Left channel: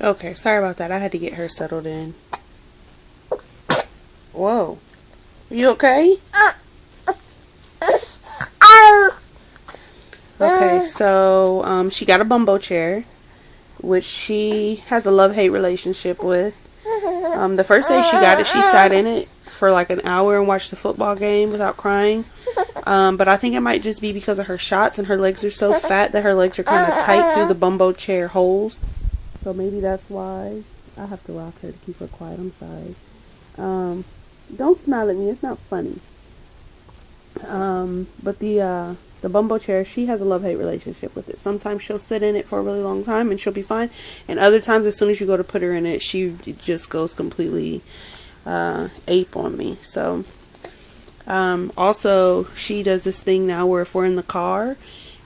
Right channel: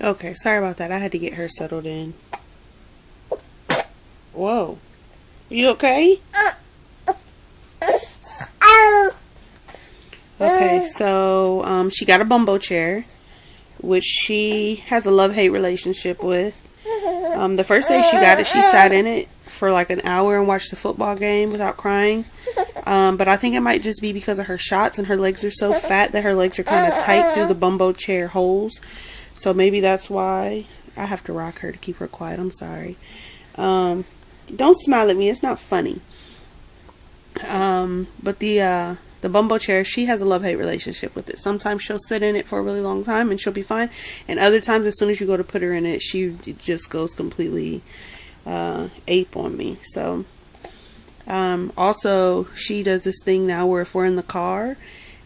Okay, sorry about that. I had to get her settled in. Whoa. You okay? Okay, so she got a bumbo chair, which she has a love-hate relationship with. The first day she got it, she sat in it for like an hour and watched the football game without crying. But I think it might just be because of her shots, and her legs are so fat that her legs are kind of tight through the bumbo chair holes. So maybe that's why. I have to rock her to keep her quiet. I'm sorry. Don't smile at me. It's not funny. But the bumbo chair, she has a love-hate relationship with it. Sometimes she'll sit in it for a really long time and she'll be fine. And other times, as soon as you go to put her in it, she just goes completely ape on me. So, also, she does this thing now where if we're in the car,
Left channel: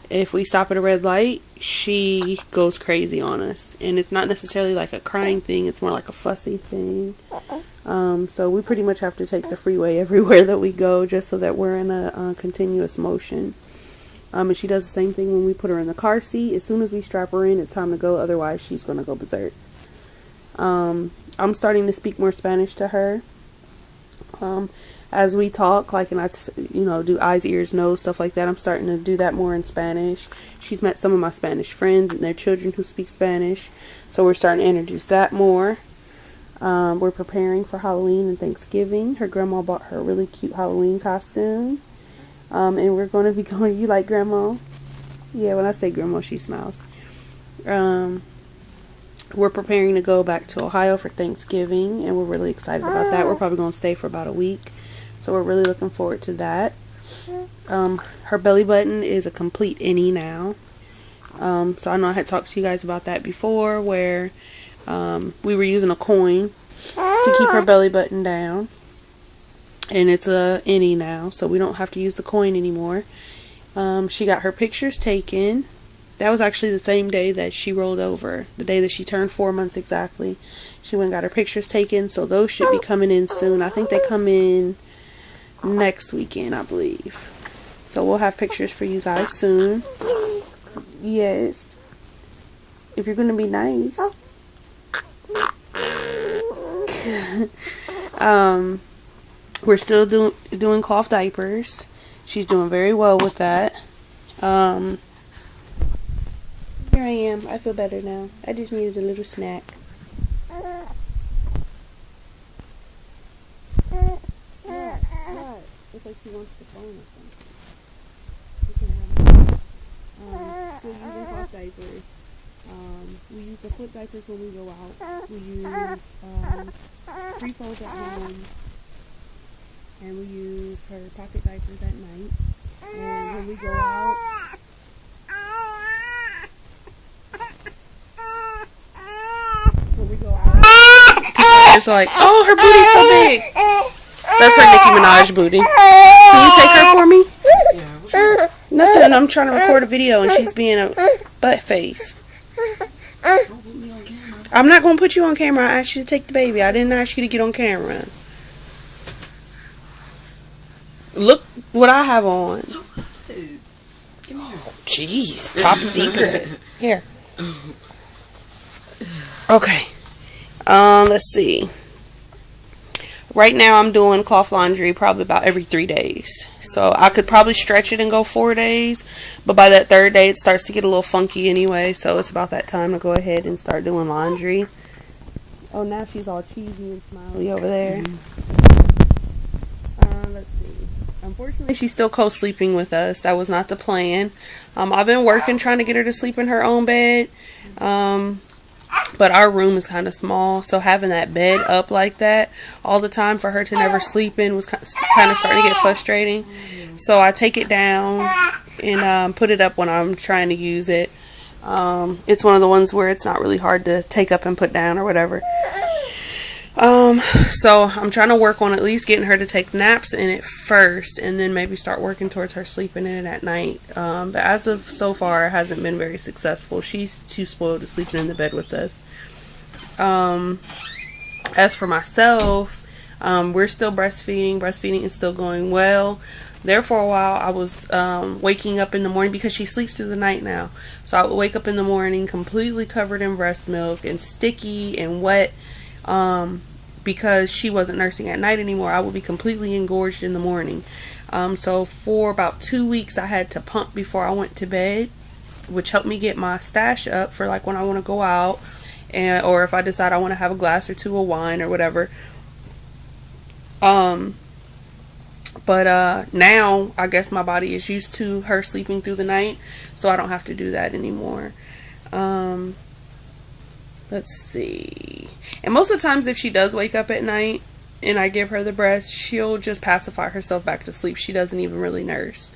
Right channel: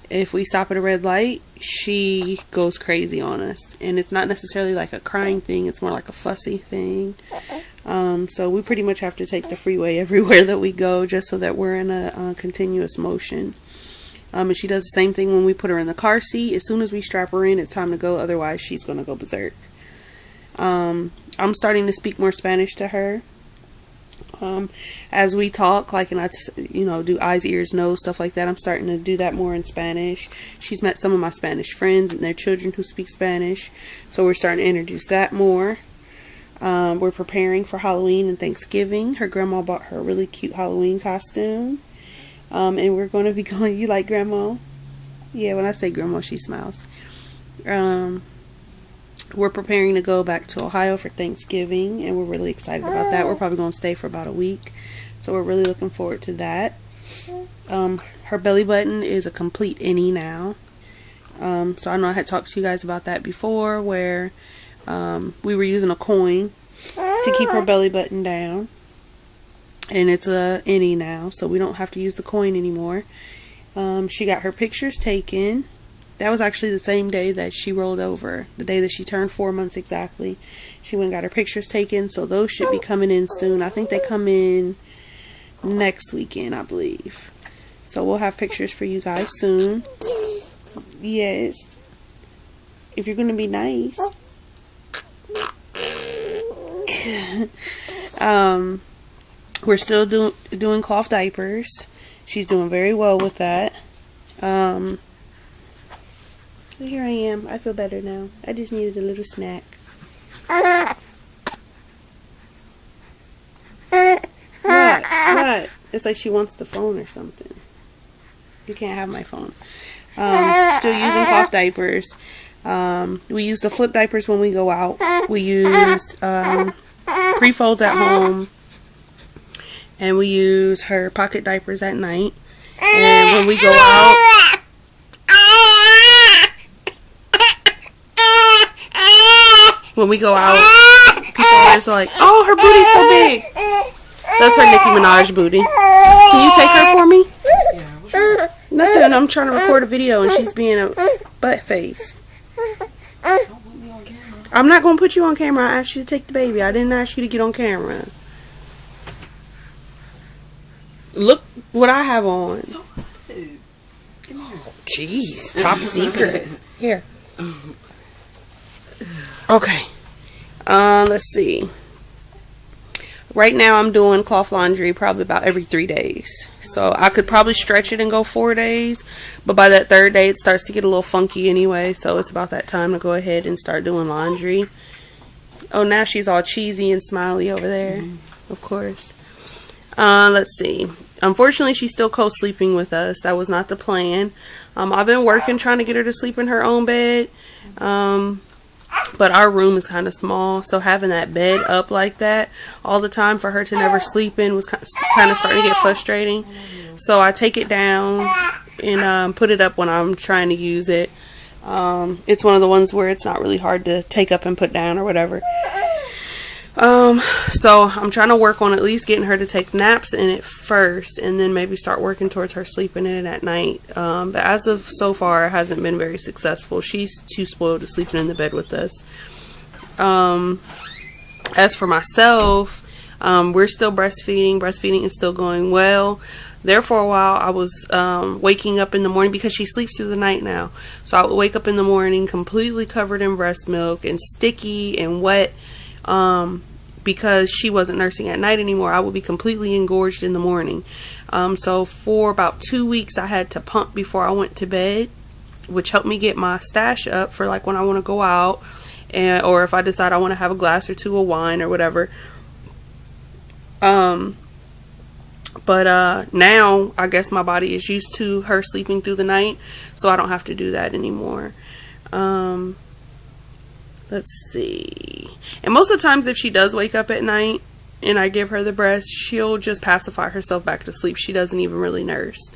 if we stop at a red light, she goes crazy on us. And it's not necessarily like a crying thing. It's more like a fussy thing. So we pretty much have to take the freeway everywhere that we go just so that we're in a continuous motion. And she does the same thing when we put her in the car seat. As soon as we strap her in, it's time to go. Otherwise, she's going to go berserk. I'm starting to speak more Spanish to her. As we talk, like, and I, do eyes, ears, nose, stuff like that. I'm starting to do that more in Spanish. She's met some of my Spanish friends and their children who speak Spanish. So we're starting to introduce that more. We're preparing for Halloween and Thanksgiving. Her grandma bought her a really cute Halloween costume. And we're going to be going, you like grandma? Yeah, when I say grandma, she smiles. We're preparing to go back to Ohio for Thanksgiving, and we're really excited about that. We're probably going to stay for about a week. So we're really looking forward to that. Her belly button is a complete innie now. So I know I had talked to you guys about that before, where we were using a coin to keep her belly button down. And it's a innie now, so we don't have to use the coin anymore. She got her pictures taken. That was actually the same day that she rolled over. The day that she turned 4 months exactly. She went and got her pictures taken, so those should be coming in soon. I think they come in next weekend, I believe. So we'll have pictures for you guys soon. Yes. If you're going to be nice. We're still doing cloth diapers. She's doing very well with that. Here I am. I feel better now. I just needed a little snack. What? It's like she wants the phone or something. You can't have my phone. Still using cloth diapers. We use the flip diapers when we go out. We use pre-folds at home. And we use her pocket diapers at night. And when we go out, people are just like, oh, her booty's so big. That's her Nicki Minaj booty. Can you take her for me? Yeah. Nothing. I'm trying to record a video and she's being a butt face. I'm not going to put you on camera. I asked you to take the baby. I didn't ask you to get on camera. Look what I have on. Oh, jeez. Top secret. Here. Okay. Let's see. Right now I'm doing cloth laundry probably about every 3 days. So I could probably stretch it and go 4 days. But by that third day it starts to get a little funky anyway. So it's about that time to go ahead and start doing laundry. Oh, now she's all cheesy and smiley over there. Of course. Let's see. Unfortunately, she's still co-sleeping with us. That was not the plan. I've been working trying to get her to sleep in her own bed. But our room is kind of small, so having that bed up like that all the time for her to never sleep in was kind of starting to get frustrating. So I take it down and put it up when I'm trying to use it. It's one of the ones where it's not really hard to take up and put down or whatever. So I'm trying to work on at least getting her to take naps in it first, and then maybe start working towards her sleeping in it at night. But as of so far, it hasn't been very successful. She's too spoiled to sleeping in the bed with us. As for myself, we're still breastfeeding. Breastfeeding is still going well. there for a while, I was waking up in the morning because she sleeps through the night now. So I would wake up in the morning completely covered in breast milk and sticky and wet because she wasn't nursing at night anymore. I would be completely engorged in the morning. So for about 2 weeks, I had to pump before I went to bed, which helped me get my stash up for like when I want to go out, or if I decide I want to have a glass or two of wine or whatever. But now I guess my body is used to her sleeping through the night, so I don't have to do that anymore. Let's see. And most of the times if she does wake up at night and I give her the breast, she'll just pacify herself back to sleep. She doesn't even really nurse.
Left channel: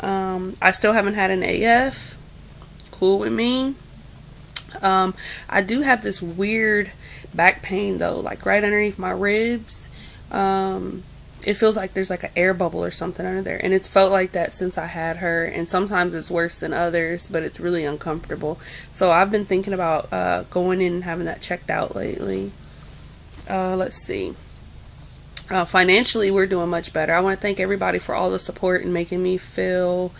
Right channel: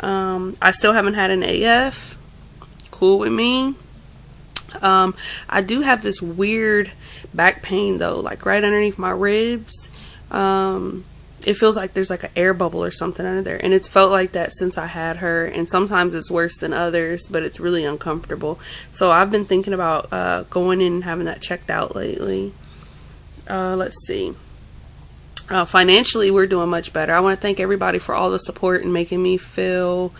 I still haven't had an AF. Cool with me. I do have this weird back pain though, like right underneath my ribs. It feels like there's like an air bubble or something under there, and it's felt like that since I had her, and sometimes it's worse than others, but it's really uncomfortable. So I've been thinking about going in and having that checked out lately. Let's see. Financially, we're doing much better. I want to thank everybody for all the support and making me feel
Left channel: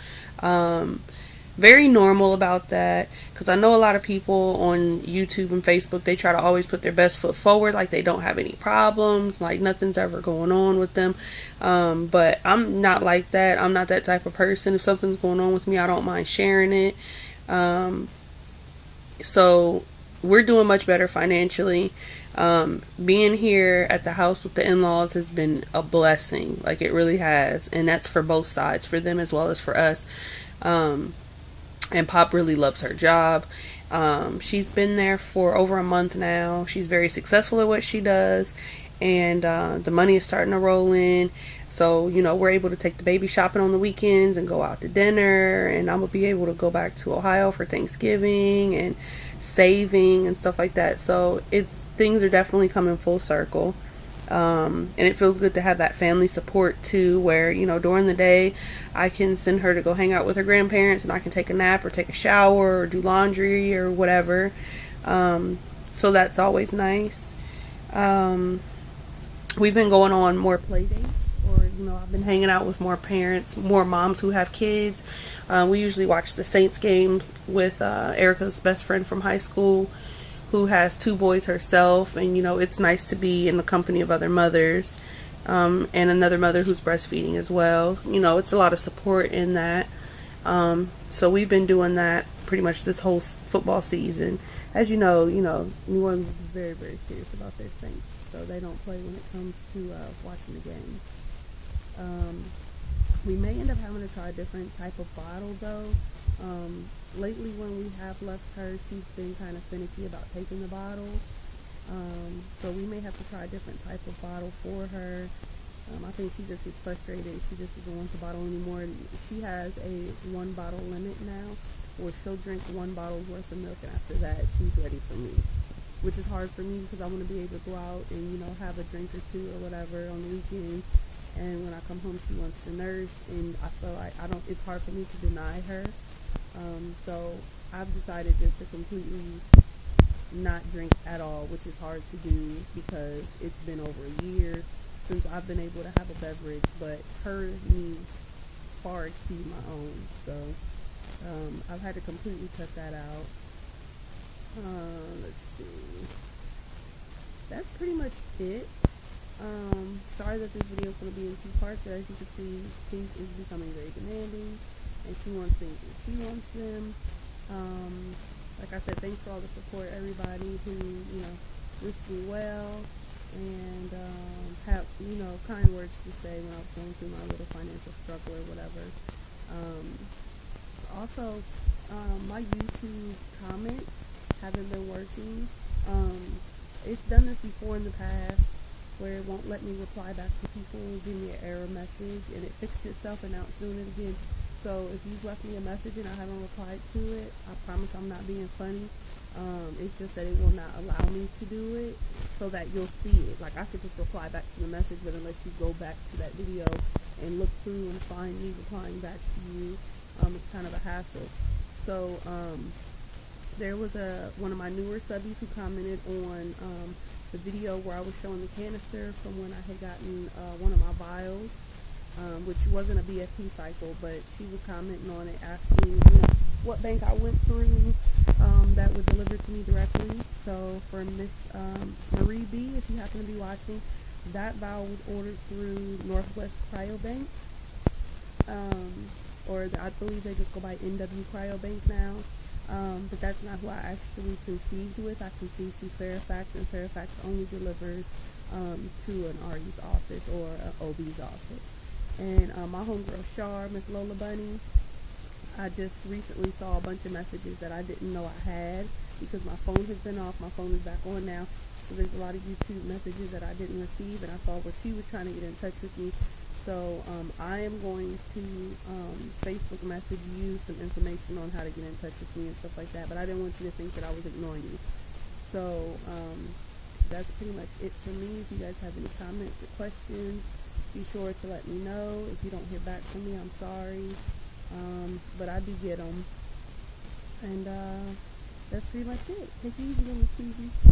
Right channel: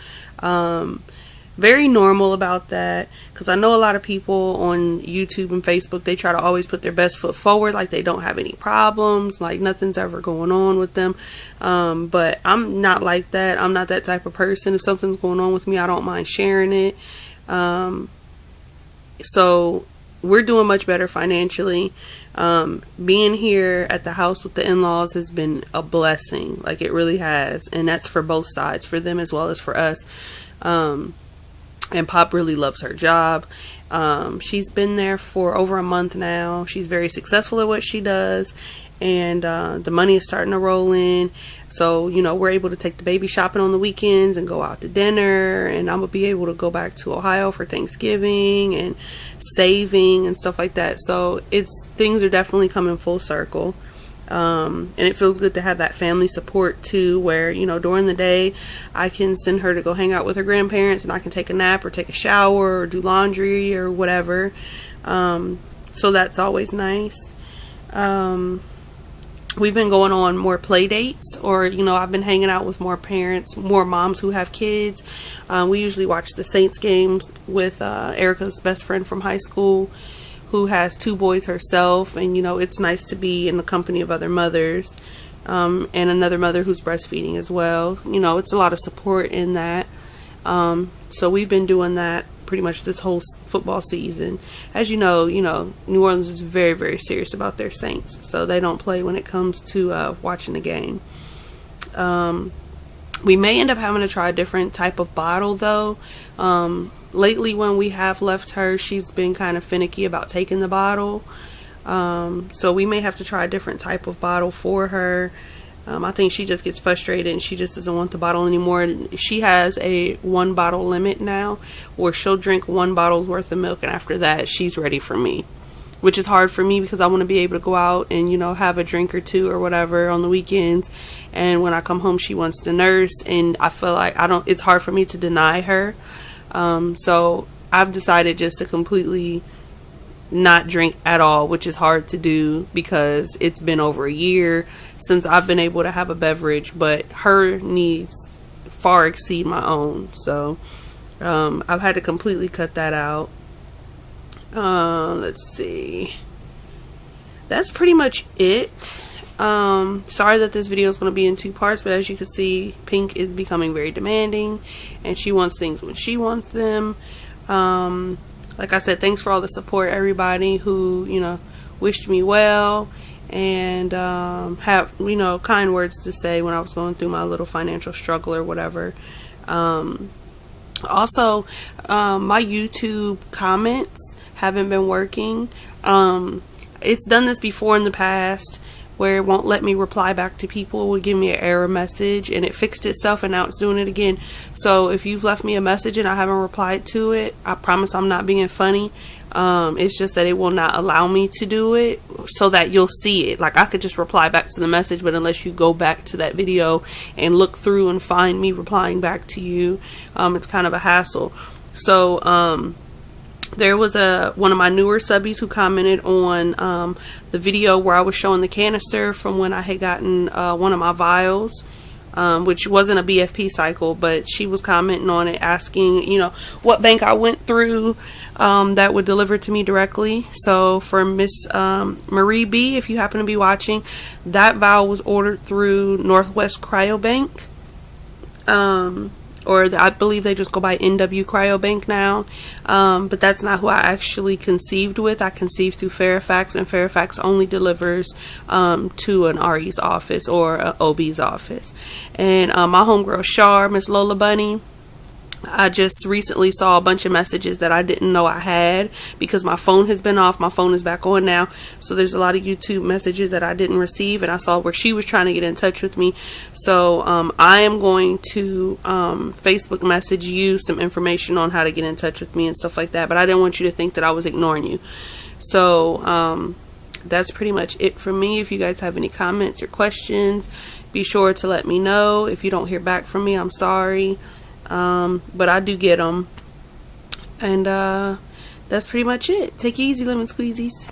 very normal about that, because I know a lot of people on YouTube and Facebook, they try to always put their best foot forward, like they don't have any problems, like nothing's ever going on with them. But I'm not like that. I'm not that type of person. If something's going on with me, I don't mind sharing it. So we're doing much better financially. Being here at the house with the in-laws has been a blessing, like it really has, and that's for both sides, for them as well as for us. And Pop really loves her job. She's been there for over a month now. She's very successful at what she does, and the money is starting to roll in. So, you know, we're able to take the baby shopping on the weekends and go out to dinner, and I'm gonna be able to go back to Ohio for Thanksgiving and saving and stuff like that. So things are definitely coming full circle. And it feels good to have that family support too, where, you know, during the day I can send her to go hang out with her grandparents, and I can take a nap or take a shower or do laundry or whatever. So that's always nice. We've been going on more play dates, or, you know, I've been hanging out with more parents, more moms who have kids. We usually watch the Saints games with Erica's best friend from high school, who has 2 boys herself, and, you know, it's nice to be in the company of other mothers, and another mother who's breastfeeding as well. You know, it's a lot of support in that. So we've been doing that pretty much this whole football season. As you know, New Orleans is very, very serious about their Saints, so they don't play when it comes to watching the game. We may end up having to try a different type of bottle though. Lately when we have left her, she's been kind of finicky about taking the bottle. So we may have to try a different type of bottle for her. I think she just gets frustrated and she just doesn't want the bottle anymore. She has a 1 bottle limit now, where she'll drink 1 bottle's worth of milk, and after that she's ready for me. Which is hard for me because I want to be able to go out and, you know, have a drink or 2 or whatever on the weekends. And when I come home, she wants to nurse, and I feel like it's hard for me to deny her. So I've decided just to completely not drink at all, which is hard to do because it's been over a year since I've been able to have a beverage, but her needs far exceed my own. So I've had to completely cut that out. Let's see. That's pretty much it. Sorry that this video is going to be in 2 parts, but as you can see, Pink is becoming very demanding, and she wants things when she wants them. Like I said, thanks for all the support, everybody who, you know, wished me well and have, you know, kind words to say when I was going through my little financial struggle or whatever. Also, my YouTube comments haven't been working. It's done this before in the past, where it won't let me reply back to people. It would give me an error message, and it fixed itself, and now it's doing it again. So if you've left me a message and I haven't replied to it, I promise I'm not being funny. It's just that it will not allow me to do it so that you'll see it. Like, I could just reply back to the message, but unless you go back to that video and look through and find me replying back to you, it's kind of a hassle. So there was one of my newer subbies who commented on the video where I was showing the canister from when I had gotten one of my vials which wasn't a BFP cycle, but she was commenting on it, asking, you know, what bank I went through that would deliver to me directly. So for Miss Marie B, if you happen to be watching, that vial was ordered through Northwest Cryobank. Or I believe they just go by NW Cryobank now, but that's not who I actually conceived with. I conceived through Fairfax, and Fairfax only delivers to an RE's office or an OB's office. And my homegirl Shar, Miss Lola Bunny, I just recently saw a bunch of messages that I didn't know I had because my phone has been off. My phone is back on now. So there's a lot of YouTube messages that I didn't receive, and I saw where she was trying to get in touch with me. So I am going to Facebook message you some information on how to get in touch with me and stuff like that. But I didn't want you to think that I was ignoring you. So that's pretty much it for me. If you guys have any comments or questions, be sure to let me know. If you don't hear back from me, I'm sorry. But I do get them. And that's pretty much it. Take it easy, lemon squeezies.